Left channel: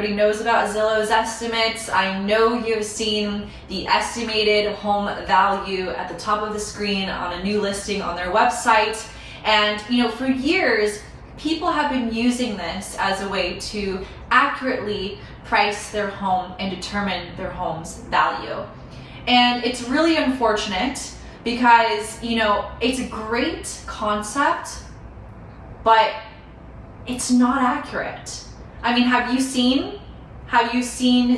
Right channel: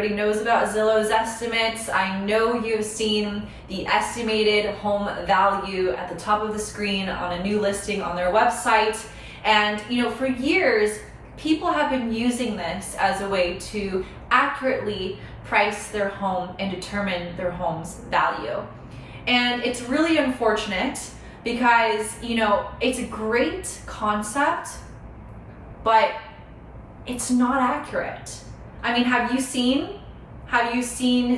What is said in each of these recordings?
everybody knows about Zillow's estimates. I know you've seen the estimated home value at the top of the screen on a new listing on their website. And for years, people have been using this as a way to accurately price their home and determine their home's value. And it's really unfortunate because, it's a great concept, but it's not accurate. I mean, have you seen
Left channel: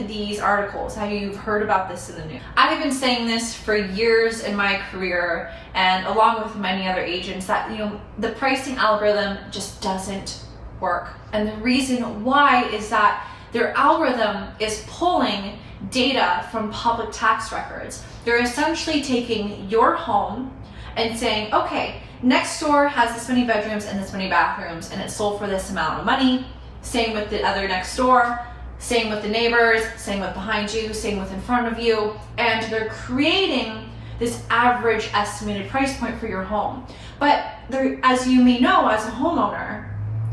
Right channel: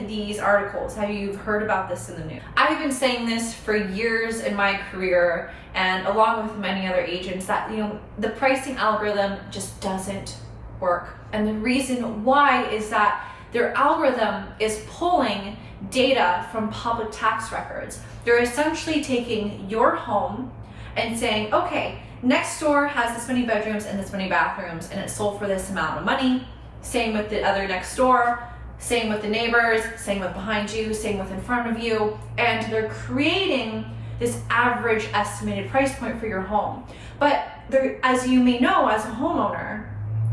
these articles? Have you heard about this in the news? I've been saying this for years in my career, and along with many other agents, that the pricing algorithm just doesn't work. And the reason why is that their algorithm is pulling data from public tax records. They're essentially taking your home and saying, okay, next door has this many bedrooms and this many bathrooms, and it's sold for this amount of money. Same with the other next door, same with the neighbors, same with behind you, same with in front of you. And they're creating this average estimated price point for your home. But there, as you may know, as a homeowner,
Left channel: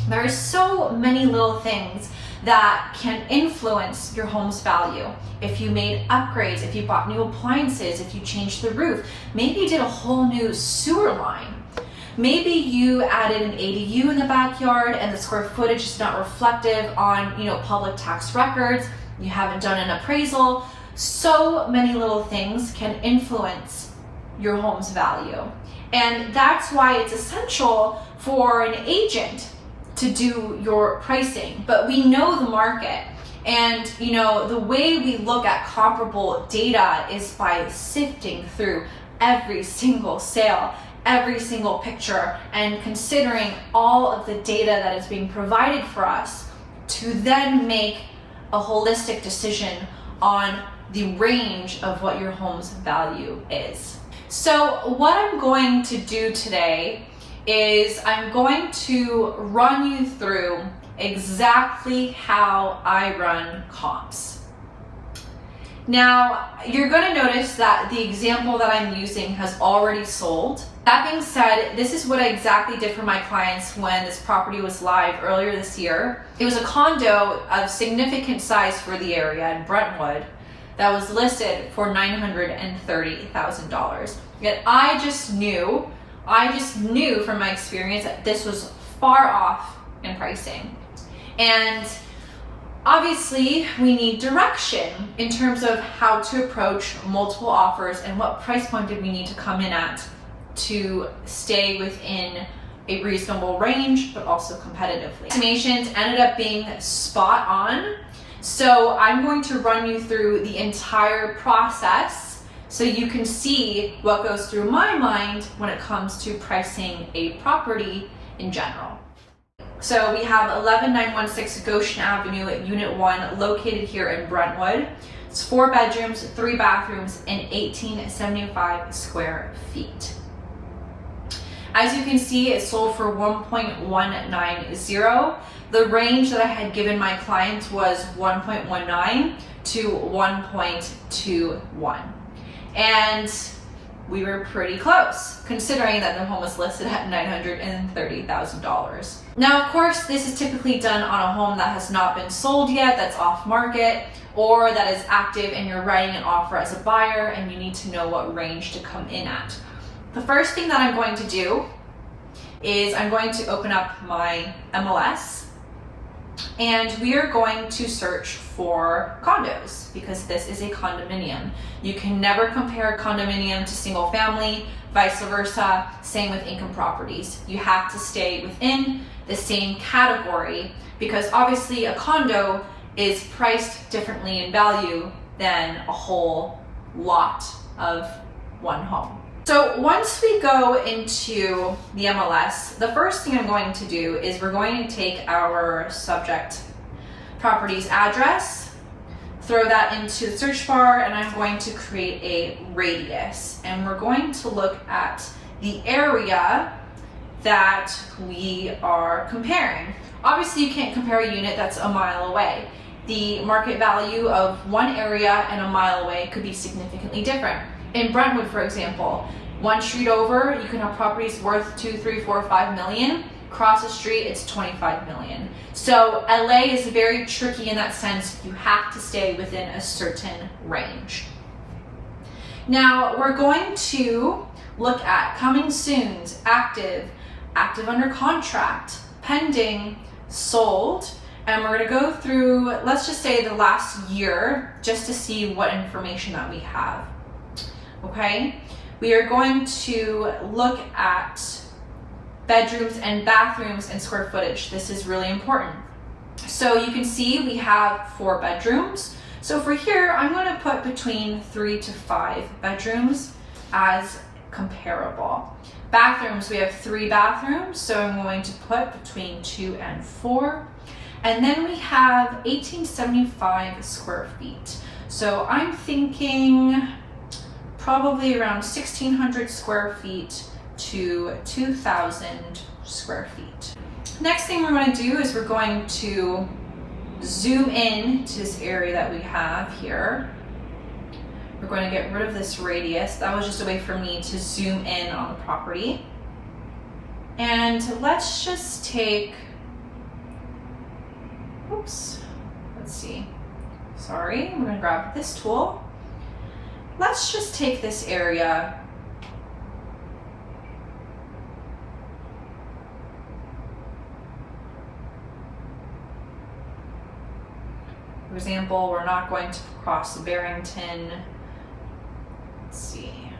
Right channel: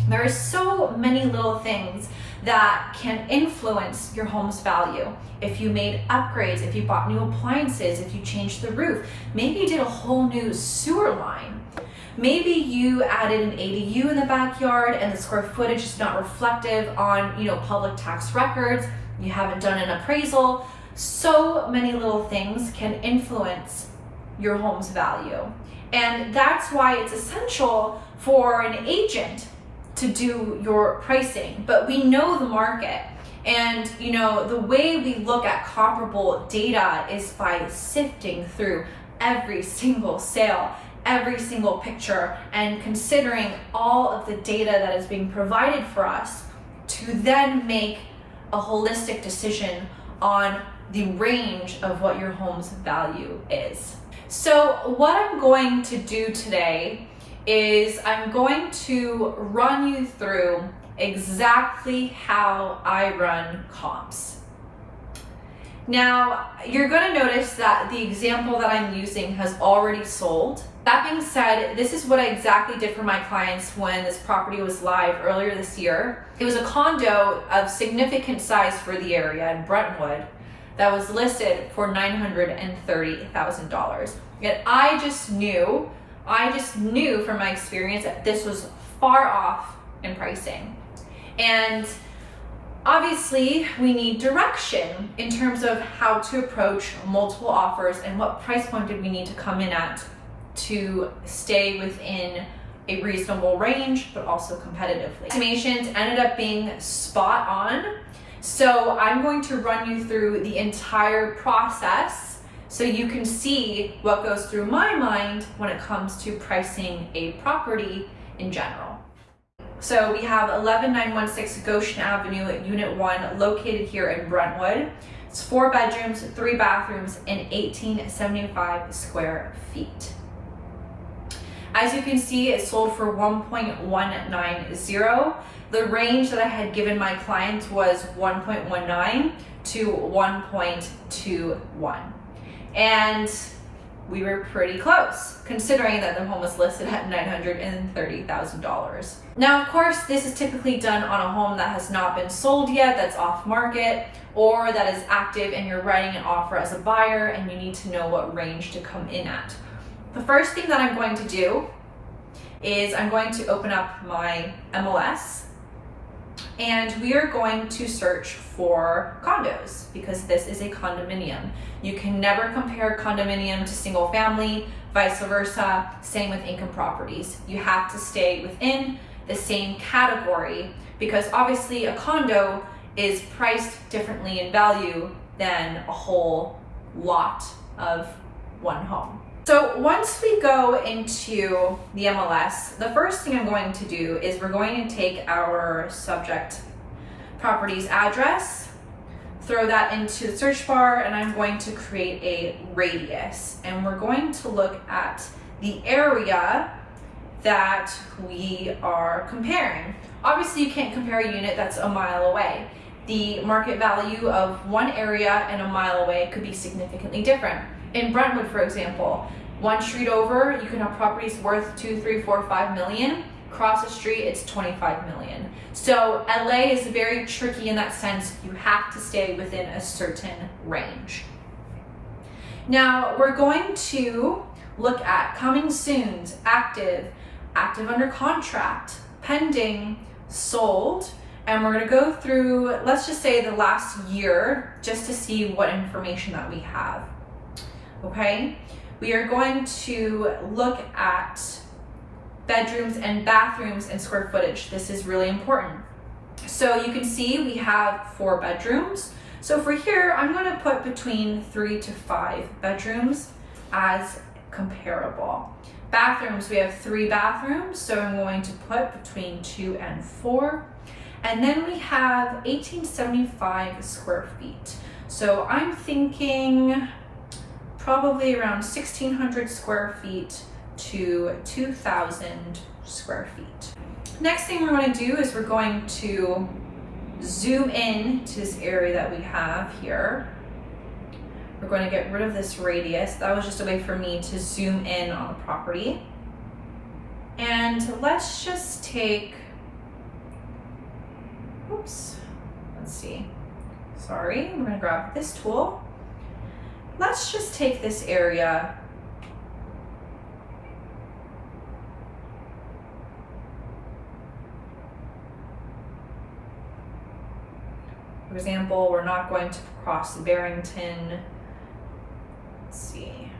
there are so many little things that can influence your home's value. If you made upgrades, if you bought new appliances, if you changed the roof, maybe you did a whole new sewer line. Maybe you added an ADU in the backyard and the square footage is not reflective on public tax records. You haven't done an appraisal. So many little things can influence your home's value. And that's why it's essential for an agent to do your pricing. But we know the market. And the way we look at comparable data is by sifting through every single sale, every single picture, and considering all of the data that is being provided for us to then make a holistic decision on the range of what your home's value is. So what I'm going to do today is I'm going to run you through exactly how I run comps. Now, you're going to notice that the example that I'm using has already sold. That being said, this is what I exactly did for my clients when this property was live earlier this year. It was a condo of significant size for the area in Brentwood that was listed for $930,000. Yet I just knew from my experience that this was far off in pricing. And obviously we need direction in terms of how to approach multiple offers and what price point did we need to come in at to stay within a reasonable range, but also competitively. Estimations ended up being spot on. So I'm going to run you through the entire process so you can see what goes through my mind when it comes to pricing a property in general. So we have 11916 Goshen Avenue, Unit 1, located here in Brentwood. It's 4 bedrooms, 3 bathrooms, and 1875 square feet. As you can see, it sold for 1.190. The range that I had given my clients was 1.19 to 1.21. And we were pretty close, considering that the home was listed at $930,000. Now, of course, this is typically done on a home that has not been sold yet, that's off market, or that is active and you're writing an offer as a buyer and you need to know what range to come in at. The first thing that I'm going to do is I'm going to open up my MLS and we are going to search for condos because this is a condominium. You can never compare a condominium to single family, vice versa, same with income properties. You have to stay within the same category because obviously a condo is priced differently in value than a whole lot of one home. So once we go into the MLS, the first thing I'm going to do is we're going to take our subject property's address, throw that into the search bar, and I'm going to create a radius. And we're going to look at the area that we are comparing. Obviously, you can't compare a unit that's a mile away. The market value of one area and a mile away could be significantly different. In Brentwood, for example, one street over, you can have properties worth 2, 3, 4, 5 million, Across the street, it's 25 million. So LA is very tricky in that sense. You have to stay within a certain range. Now we're going to look at coming soons, active under contract, pending, sold, and we're going to go through, let's just say the last year, just to see what information that we have. Okay, we are going to look at bedrooms and bathrooms and square footage. This is really important. So you can see we have 4 bedrooms. So for here, I'm going to put between 3 to 5 bedrooms as comparable. Bathrooms, we have 3 bathrooms, so I'm going to put between 2 and 4. And then we have 1875 square feet. So I'm thinking probably around 1,600 square feet to 2,000 square feet. Next thing we're going to do is we're going to zoom in to this area that we have here. We're going to get rid of this radius. That was just a way for me to zoom in on the property. And let's just take, oops, let's see. Sorry, I'm going to grab this tool. Let's just take this area. For example, we're not going to cross Barrington. Let's see.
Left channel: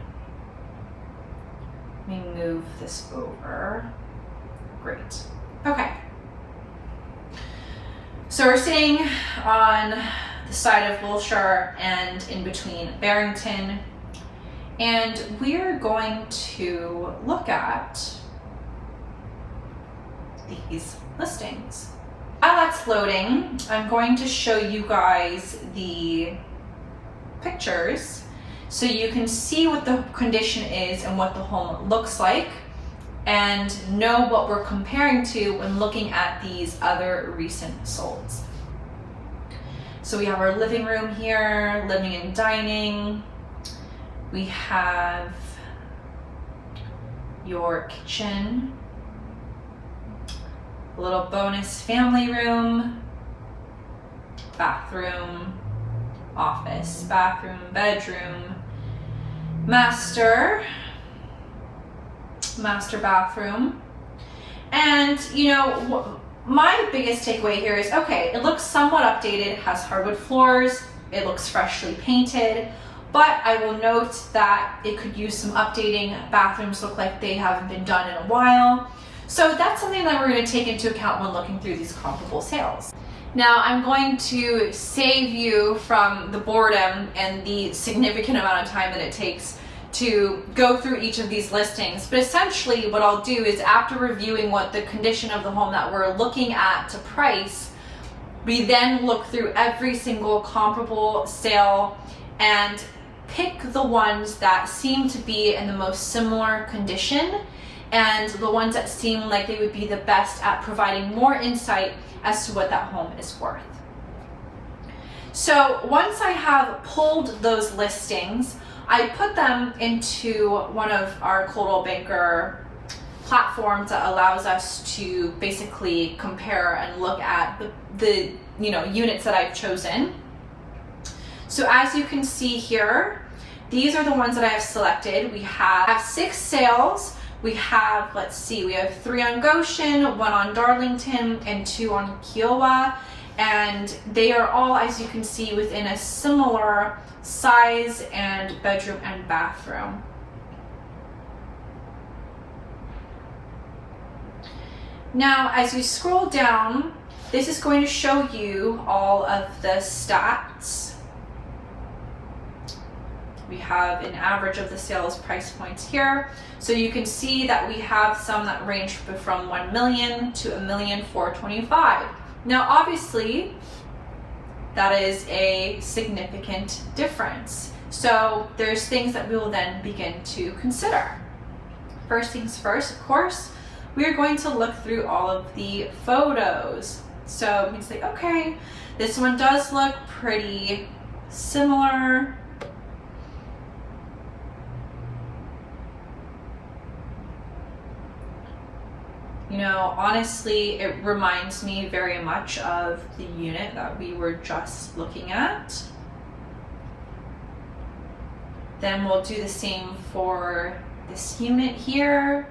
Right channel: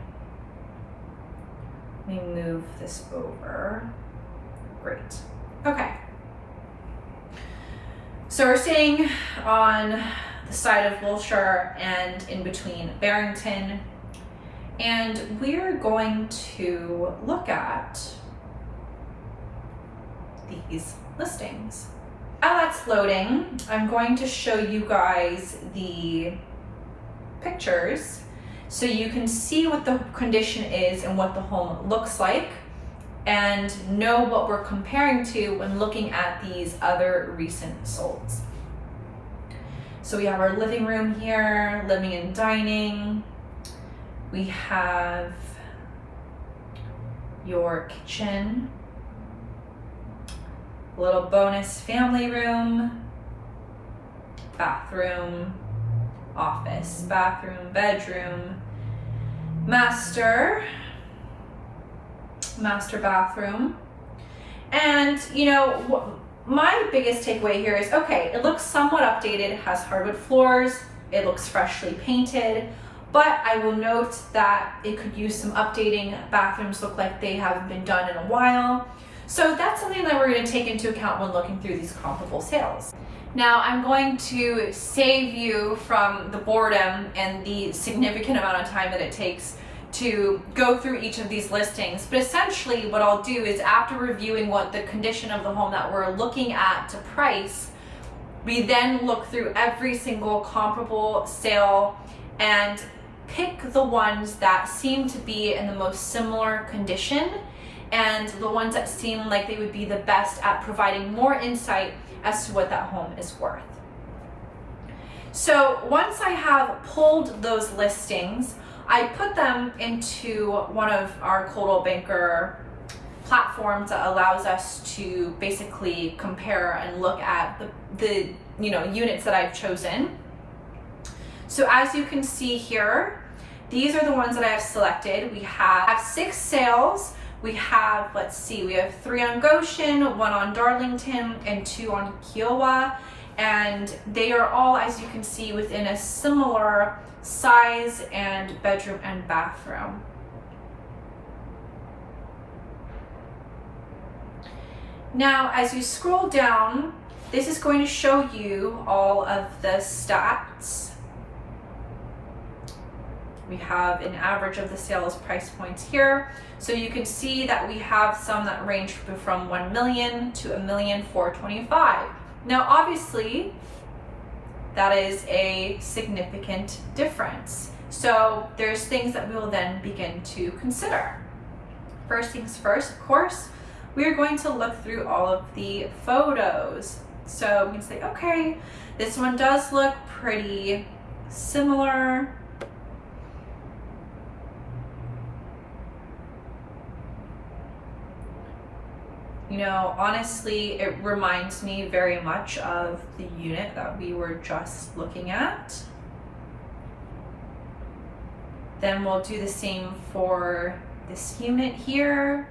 Let me move this over. Great. Okay. So we're staying on the side of Wilshire and in between Barrington. And we're going to look at these listings. While that's loading, I'm going to show you guys the pictures so you can see what the condition is and what the home looks like and know what we're comparing to when looking at these other recent solds. So we have our living room here, living and dining. We have your kitchen, a little bonus family room, bathroom, office, bathroom, bedroom, master bathroom. And you know, my biggest takeaway here is, okay, it looks somewhat updated, it has hardwood floors, it looks freshly painted, but I will note that it could use some updating. Bathrooms look like they haven't been done in a while. So that's something that we're going to take into account when looking through these comparable sales. Now I'm going to save you from the boredom and the significant amount of time that it takes to go through each of these listings. But essentially what I'll do is, after reviewing what the condition of the home that we're looking at to price, we then look through every single comparable sale and pick the ones that seem to be in the most similar condition and the ones that seem like they would be the best at providing more insight as to what that home is worth. So once I have pulled those listings, I put them into one of our Coldwell Banker platforms that allows us to basically compare and look at the units that I've chosen. So as you can see here, these are the ones that I have selected. We have 6 sales. We have, let's see, we have 3 on Goshen, 1 on Darlington, and 2 on Kiowa. And they are all, as you can see, within a similar size and bedroom and bathroom. Now, as you scroll down, this is going to show you all of the stats. We have an average of the sales price points here. So you can see that we have some that range from 1 million to 1,425,000. Now, obviously, that is a significant difference. So there's things that we will then begin to consider. First things first, of course, we are going to look through all of the photos. So we can say, okay, this one does look pretty similar. You know, honestly, it reminds me very much of the unit that we were just looking at. Then we'll do the same for this unit here.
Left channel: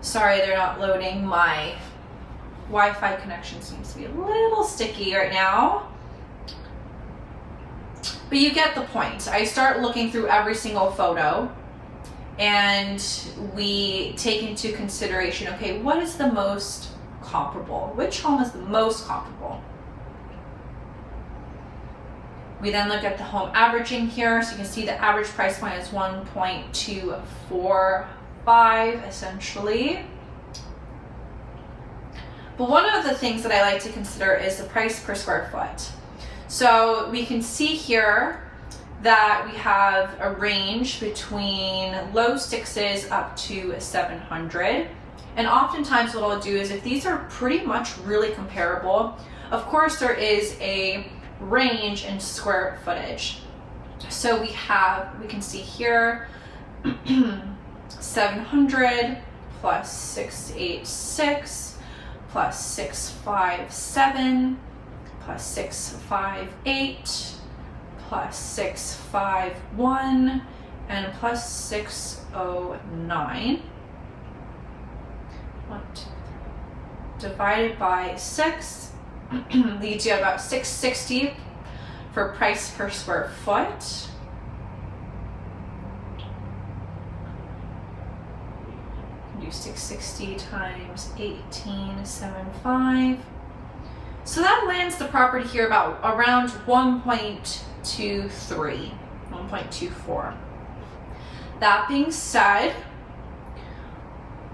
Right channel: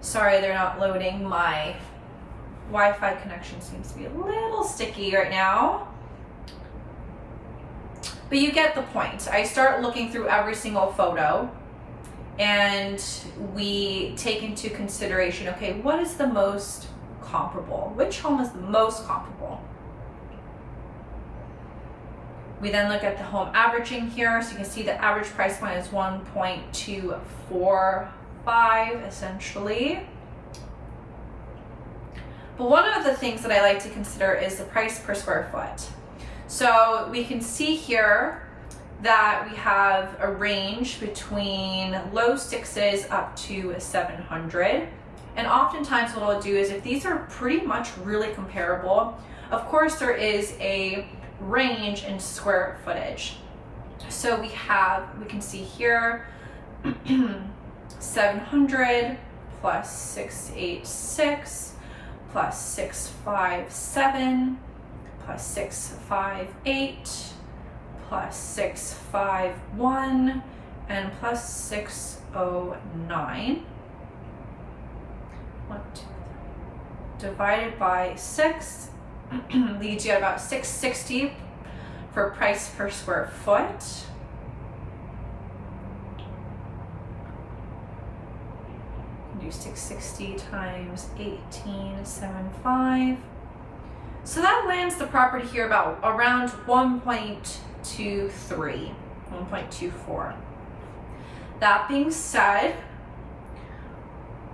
Sorry, they're not loading. My Wi-Fi connection seems to be a little sticky right now. But you get the point. I start looking through every single photo and we take into consideration, okay, what is the most comparable? Which home is the most comparable? We then look at the home averaging here. So you can see the average price point is 1.245 essentially. But one of the things that I like to consider is the price per square foot. So we can see here that we have a range between low 6s up to 700. And oftentimes what I'll do is, if these are pretty much really comparable, of course there is a range in square footage. So we can see here 700 plus 686 plus 657 plus 658 plus 651 and plus 609. 1, 2, 3. Divided by 6 leads you at about 660 for price per square foot. Do 660 times 1875. So that lands the property here about around 1.23, 1.24. That being said,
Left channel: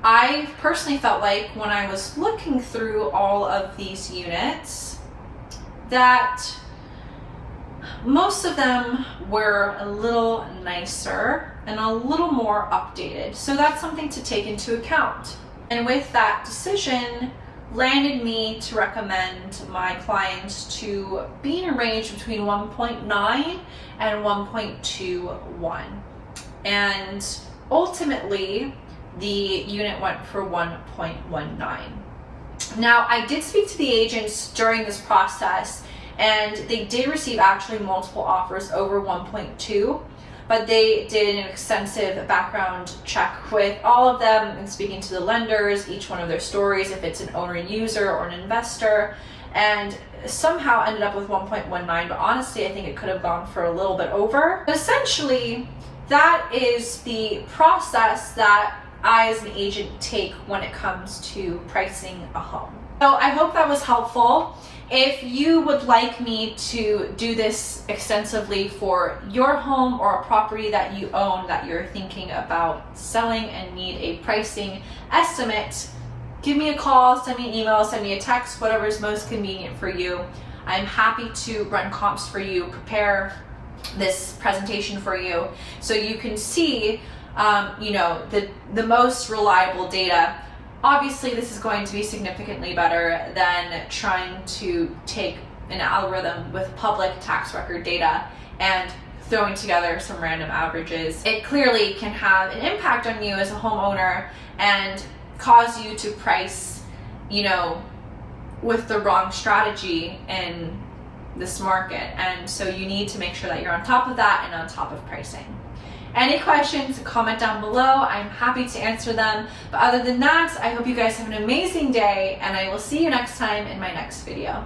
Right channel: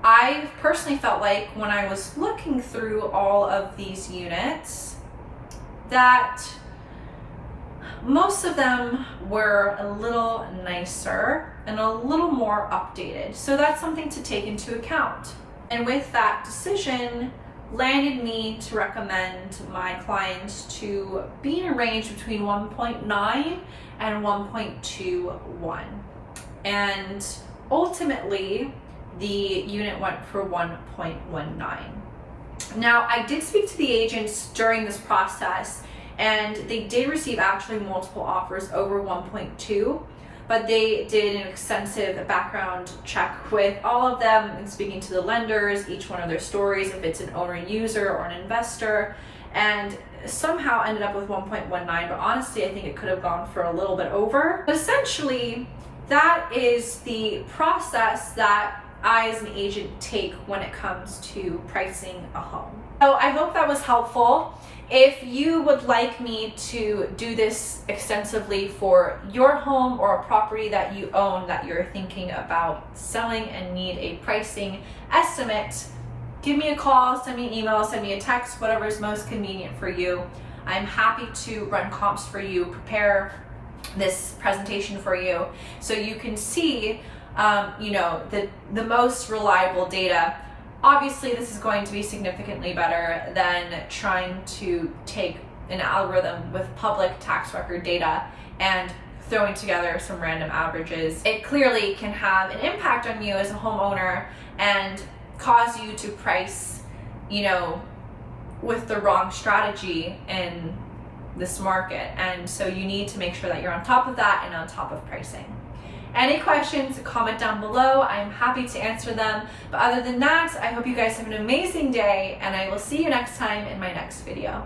I personally felt like when I was looking through all of these units that most of them were a little nicer and a little more updated. So that's something to take into account. And with that decision, landed me to recommend my clients to be in a range between 1.9 and 1.21. And ultimately, the unit went for 1.19. Now, I did speak to the agents during this process, and they did receive actually multiple offers over 1.2, but they did an extensive background check with all of them and speaking to the lenders, each one of their stories, if it's an owner and user or an investor, and somehow ended up with 1.19, but honestly, I think it could have gone for a little bit over. But essentially, that is the process that I as an agent take when it comes to pricing a home. So I hope that was helpful. If you would like me to do this extensively for your home or a property that you own that you're thinking about selling and need a pricing estimate, give me a call, send me an email, send me a text, whatever is most convenient for you. I'm happy to run comps for you, prepare this presentation for you so you can see the most reliable data. Obviously, this is going to be significantly better than trying to take an algorithm with public tax record data and throwing together some random averages. It clearly can have an impact on you as a homeowner and cause you to price, with the wrong strategy in this market. And so you need to make sure that you're on top of that and on top of pricing. Any questions, comment down below. I'm happy to answer them. But other than that, I hope you guys have an amazing day, and I will see you next time in my next video.